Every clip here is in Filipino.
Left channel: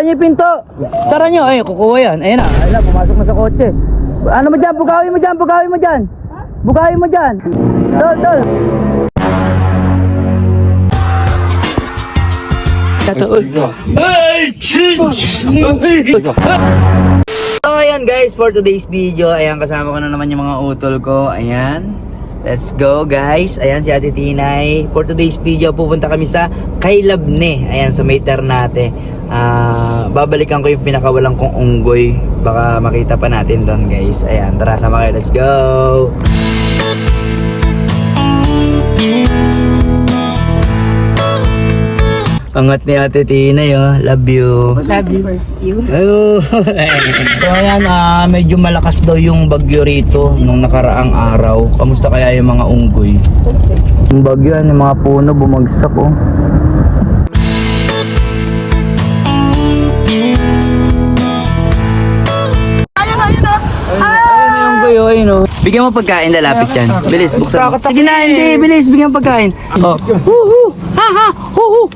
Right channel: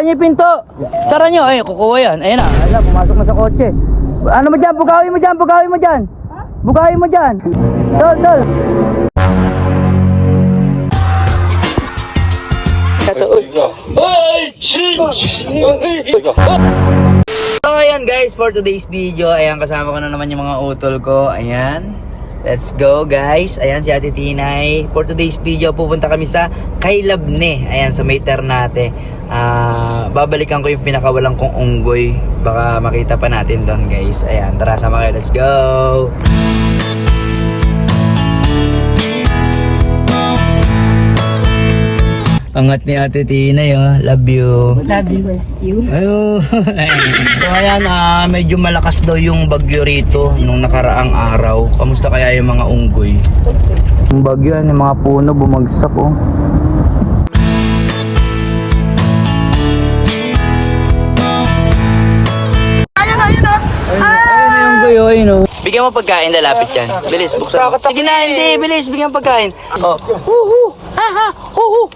Yung pinto. Sara nyo. Ay, kukuha yan. Ayun na. Ayun na, pumasok mo sa kotse. Ano mo dyan? Bugawin mo dyan. Bugawin mo dyan. Bugawin mo dyan. Tol, tol. So ayan guys, for today's video, ayan kasama ko na naman yung mga utol ko. Ayan. Let's go guys. Ayan si Ate Tinay. For today's video, pupunta kami sa Kailabne. Ayan sa may Ternate. Babalikan ko yung pinakawalang kong unggoy. Baka makita pa natin doon guys. Ayan, tara sama kayo. Let's go. Angat ni Ate Tinay, oh. Love you. Love you. Ayo. So ayan, medyo malakas daw yung bagyo rito nung nakaraang araw. Kamusta kaya yung mga unggoy? Yung bagyo, yung mga puno bumagsak, oh. Ayun yung unggoy, oh, ayun, oh. Bigyan mo pagkain, lalapit yan. Bilis, buksan mo. Sige na, hindi, bilis, bigyan mo pagkain. Oh. Huhu, ha ha, huhu.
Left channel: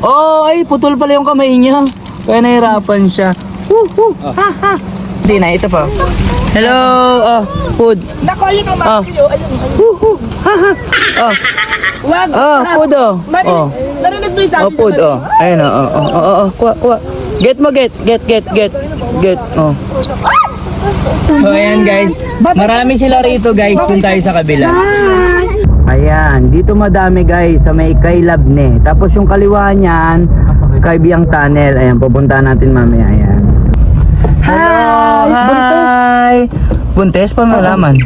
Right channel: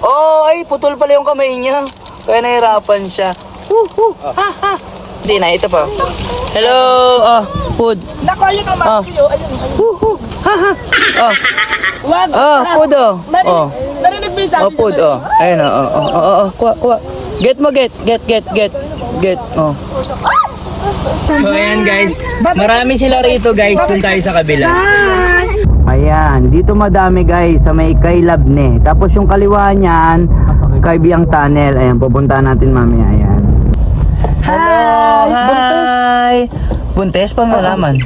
Oh, ay, putol pala yung kamay niya. Kaya nahirapan siya. Ha ha. Hindi na, ito pa. Hello, food. Naku, ayun ang mga video. Ayun. Ha ha. Wag. Food, oh. Narinig mo yung sabi Food, oh. Ayun, kuha, kuha. Get mo, get, oh. So, ayan guys. Marami sila rito guys. Punta tayo sa kabila. Ayan, dito madami guys sa may Kailabne. Tapos yung kaliwa niyan, Kaibiyang Tunnel. Ayan, pupuntahan natin mamaya. Ayan. Hi! Buntes pa malaman.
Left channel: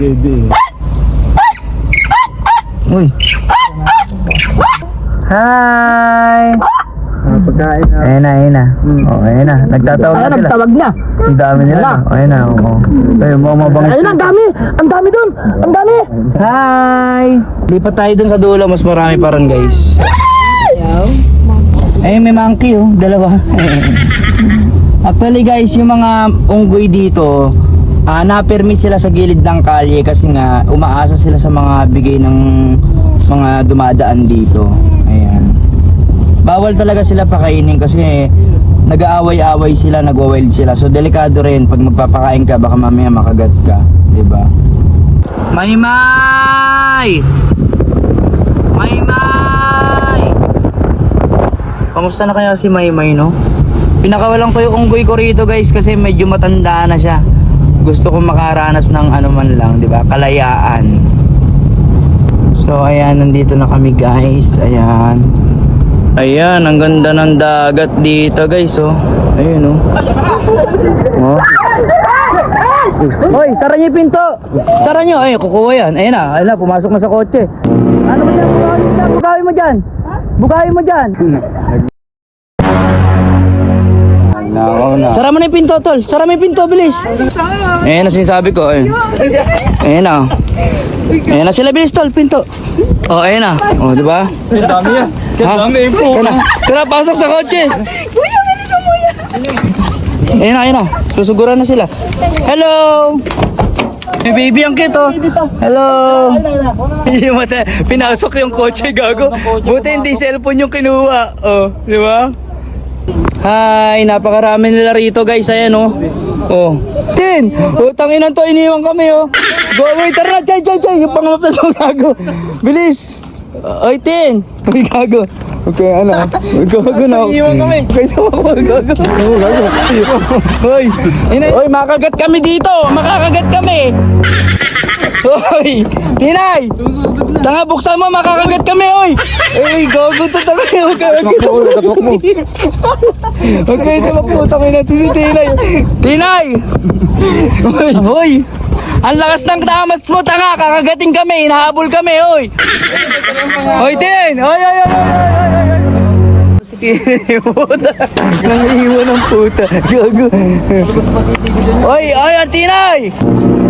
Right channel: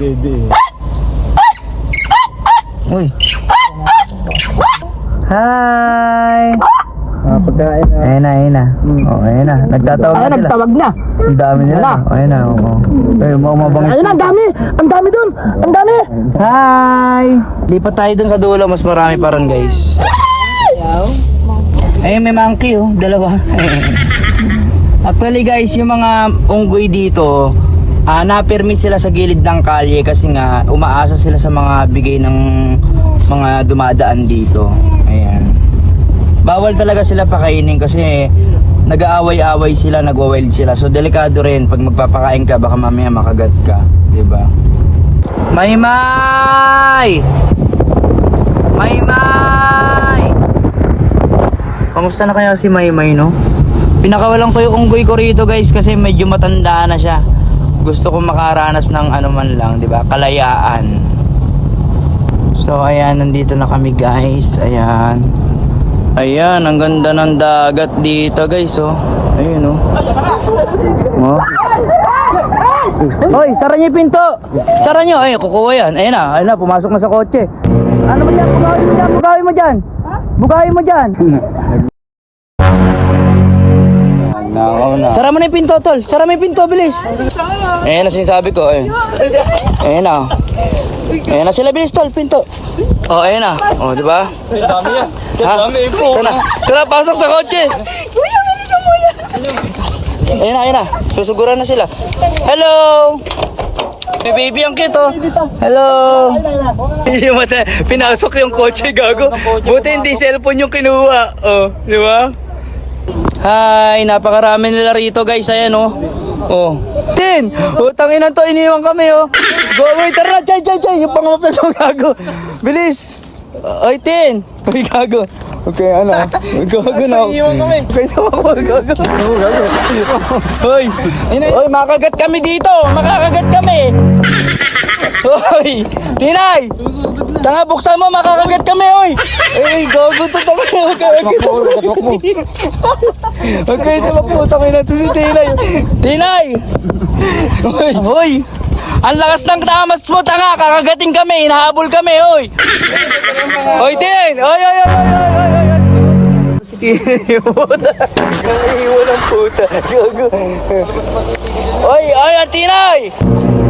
Uy. Hi! Pagkain na. Ayun na. Oh, ayun na. Nagtatawag na sila. Nagtawag na. Ang dami nila. Ayun na. Ayun, mabang. Ayun na, ang dami. Ang dami doon. Ang dami. Hi! Lipat tayo dun sa dulo. Mas marami pa rin guys. Ayun, may monkey oh. Dalawa. Actually guys, yung mga unggoy dito, na-permit sila sa gilid ng kalye kasi nga umaasa sila sa mga bigay ng mga dumadaan dito. Ayan. Bawal talaga sila pakainin kasi nag-aaway-away sila, nag-wild sila. So delikado rin pag magpapakain ka, baka mamaya makagat ka, 'di ba? Maymay! Maymay! Kamusta na kaya si Maymay, no? Pinakawalan ko yung unggoy ko rito, guys, kasi medyo matanda na siya. Gusto ko makaranas ng ano man lang, 'di ba? Kalayaan. So ayan, nandito na kami, guys. Ayan. Ayan, ang ganda ng dagat dito guys, oh. Ayun, oh. Hoy, sara niyo yung pinto. Sara niyo, ay, kukuha yan. Ayun na, pumasok na sa kotse. Ano mo yan? Bugawin mo dyan. Bugawin mo dyan. Sara mo na yung pinto, tol. Sara mo yung pinto, bilis. Ayun na sinasabi ko, ayun. Ayun na. Ayun na sila, bilis tol, pinto. Oh, ayun na. Oh, diba? Ang dami yan. Ang dami yan. Tara, pasok sa kotse. Ayun na. Susuguran na sila. Hello! May baby ang cute, oh. Hello! Pinasok yung kotse, gago. Buti hindi cellphone yung kinuha. Oh, diba? Hi, napakarami nila rito guys, ayan oh. Oh. Tin! Oh, tanginan to, iniwan kami oh. Go, wait, tara, chay, yung pangapit to, gago. Bilis! Oy, Tin! Uy, gago. Okay, ano? Gago na. Iniwan kami. Kaya ako, gago. Hoy! Hoy, makagat kami dito! Makakagat kami! Hoy! Tinay! Tanga, buksan mo, makakagat kami, oy! Uy, gago to, tanga, makakagat. Huwag kayo na maputang ina to si Tinay. Tinay! Hoy! Ang lakas ng damas mo, tanga! Kakagating kami, hinahabol kami, oy! Hoy, Tin! Oy! Oy, ang Tinay!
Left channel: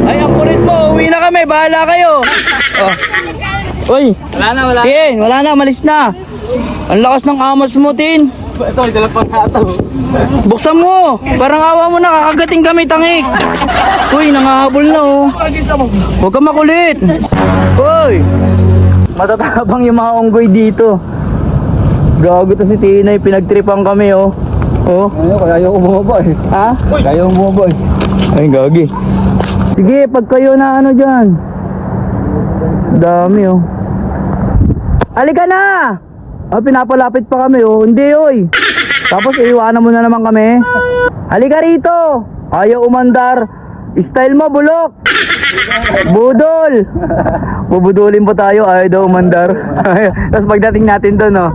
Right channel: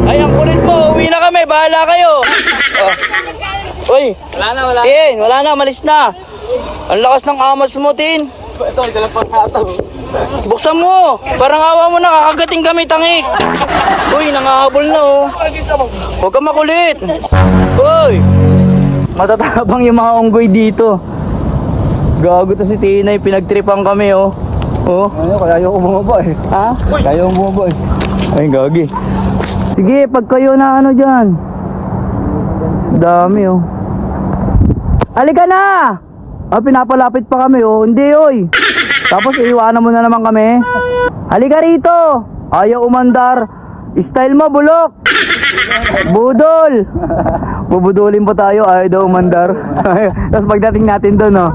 Ay, ang kulit mo! Uwi na kami, bahala kayo! Oy! Wala na. Tin, wala na, malis na! Ang lakas ng amas mo, Tin! Ito, dala pa nata. Buksan mo! Parang awa mo na, kakagating kami, tangik! Uy, nangahabol na, oh! Huwag ka makulit! Hoy! Matatabang yung mga unggoy dito. Gago to si Tinay, pinagtripan kami, oh. Oh. Ayaw ko bumaba eh. Ha? Ayaw ko bumaba eh. Ay, gagi. Sige, pag kayo na ano dyan. Dami oh. Halika na! Ah, pinapalapit pa kami oh. Hindi oy. Tapos iiwanan mo na naman kami. Halika rito. Ayaw umandar. Style mo, bulok. Budol. Bubudulin pa tayo. Ayaw daw umandar. Tapos pagdating natin doon oh.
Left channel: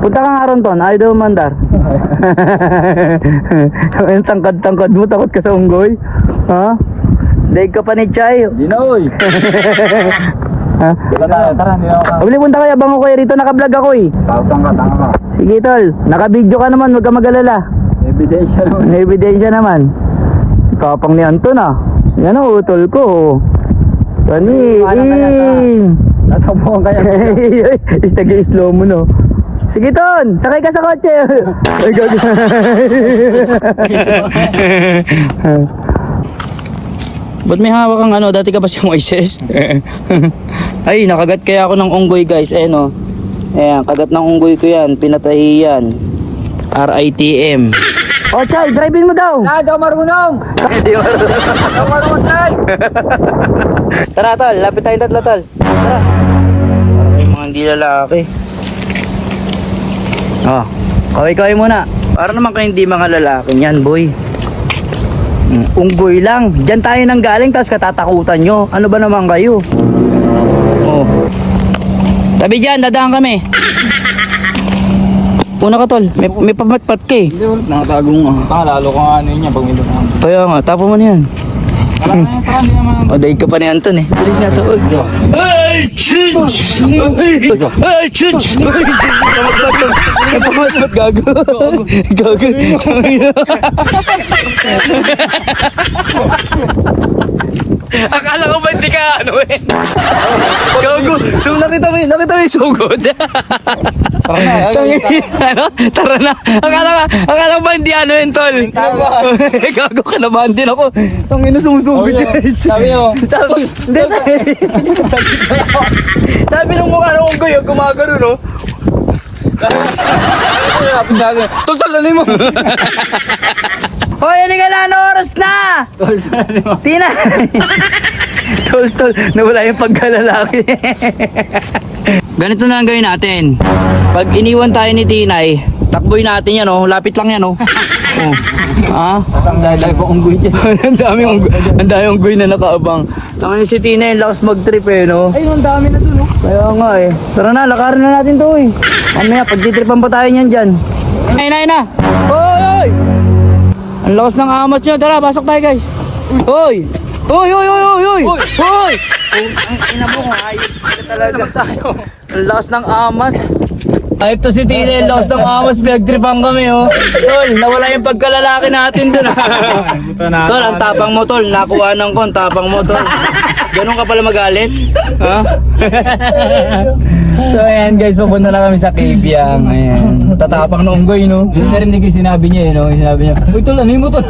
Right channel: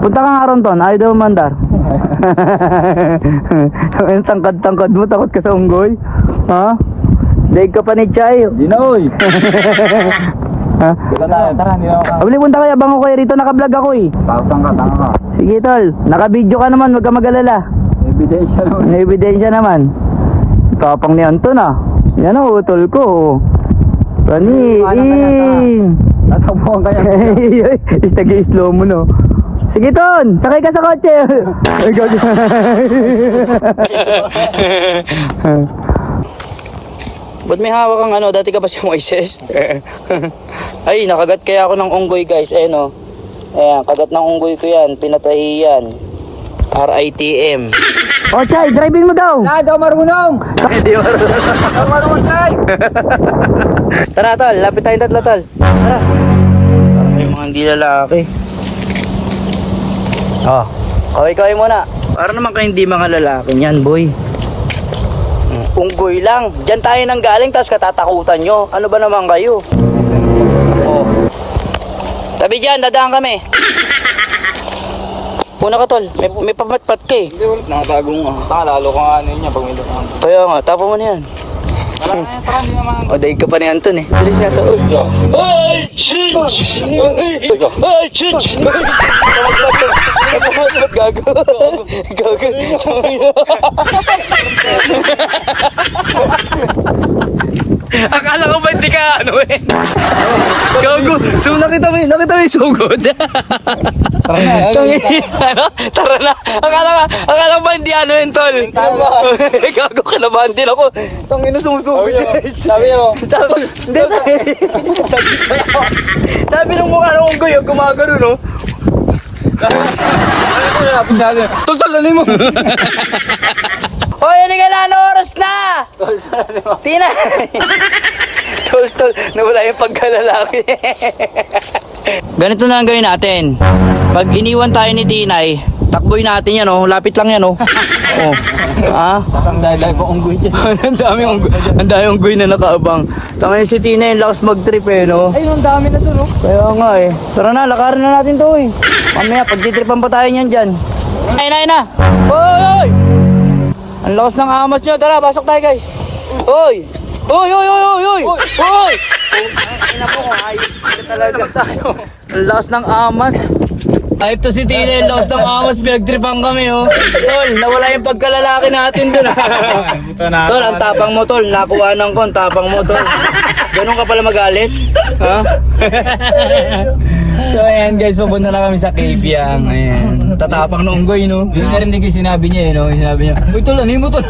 Punta ka nga ron ton. Ayaw daw umandar. Ang tangkad-tangkad mo. Takot ka sa unggoy. Ha? Daig ka pa ni Chay. Di na oy. Ha? Tara, hindi ako. Abli, punta kayo. Abang ko kayo rito. Nakablog ako eh. Tanga ka. Sige tol. Naka-video ka naman. Huwag ka mag-alala. Ebidensya naman. May ebidensya naman. Tapang ni Anton ah. Yan ang utol ko. Pani. Natapuan kaya. Istag-slow mo no. Sige Ton, sakay ka sa kotse. Ay, gago. Ba't may hawak kang ano? Dati ka ba siyang Moises? Ay, nakagat kaya ako ng unggoy guys. Ayan o. Ayan, kagat ng unggoy ko yan. Pinatay yan. RITM. O, Chow, driving mo daw. Di ako marunong. Tara, tol. Lapit tayong tatlo, tol. Tara. Parang may mga hindi lalaki. Oh, kaway-kaway muna. Para naman kayo hindi mga lalaki niyan, boy. Unggoy lang. Diyan tayo nang galing, tapos katatakutan nyo. Ano ba naman kayo? Sabi dyan, dadaan kami. Una ka, tol. May pamatpat ka eh. Nakatago mo. Lalo ka nga ano yun niya. Kaya nga, tapo mo na yan. Tara, hindi naman. Paday ka pa ni Anton eh. Bilis na to. Ay, chich! Ay, chich! Gago. Gago. Akala ko ba hindi ka ano eh. Gago. So nakita mo yung sugod. Tara na. Ano? Tara na. Akala ba hindi ano yun, tol? Gago ka naman din ako. Tangina sumusugod. Sabi niyo. Hindi. Sabi ng mukha ng unggoy, gumagano no? Tol, ano mo? Hoy, hindi ka na, ano oras na? Tina! Tol, nawala yung pagkalalaki. Ganito na ang gawin natin. Pag iniwan tayo ni Tinay, takboy natin yan oh, lapit lang yan oh. Oh. Ha? Dahil pa kong dyan. Ang dami unggoy na nakaabang. Tangin si Tinay, lakas mag-trip eh no. Ay, ang dami na to no? Kaya nga eh. Tara na, lakarin na natin to eh. Amaya, pagtitripan pa tayo niyan dyan. Ay na. Hoy! Ang lakas ng amat nyo. Tara, pasok tayo guys. Hoy! Hoy! Hoy! Ang lakas ng amat. Type to si Tina, ang lakas ng amas. Pinagtripan kami oh. Tol, nawala yung pagkalalaki natin dun. Tol, ang tapang mo tol. Nakuhanan ko, ang tapang mo tol. Ganun ka pala magalit? Ha? So ayan guys, pupunta na kami sa Kibyang. Ayan. Tatapang na unggoy, no? Yun na rin din sinabi niya eh, no? Sinabi niya, uy tol, ano mo tol?